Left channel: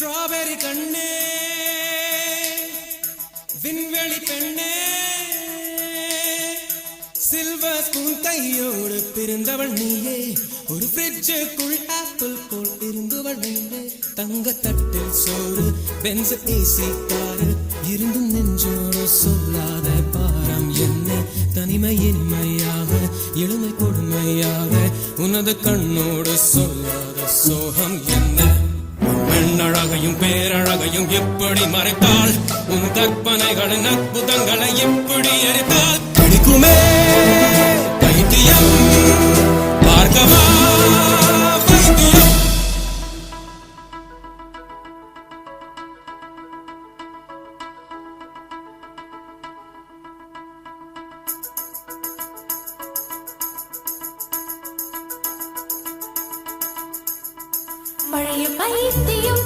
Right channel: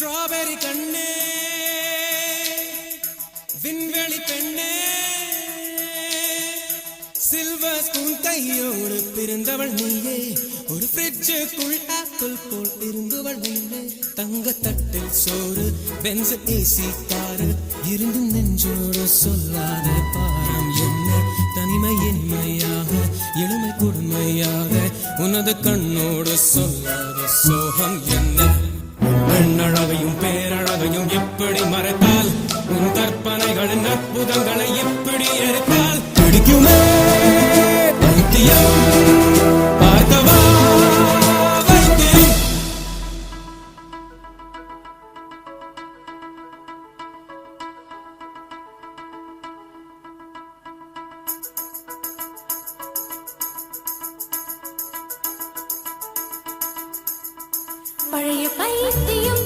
strawberry கண்ணே விண்வெளி பெண்ணே சில்வர் ஸ்பூன் கையோடு பிறந்தவள் நீயே ஒரு ஃப்ரிட்ஜுக்குள் ஆப்பிள் போல் இருந்தவள் நீயே தங்க தட்டில் சோறு பென்ஸ் ஏசி காரு இருந்தும் நெஞ்சோடு சொல்லாத பாரம் என்ன தனிமை இனிமையாக இளமை கொடுமையாக உனது கண்ணோடு சொல்லாத சோகம் என்ன பெண்ணழகையும் பேரழகையும் எப்படி மறைத்தால் உன் கற்பனைகளின் அற்புதங்களை எப்படி எரித்தால் பிடிக்குமே பைத்தியம் பார்க்கவா பைத்தியம் பழைய பைத்தியம்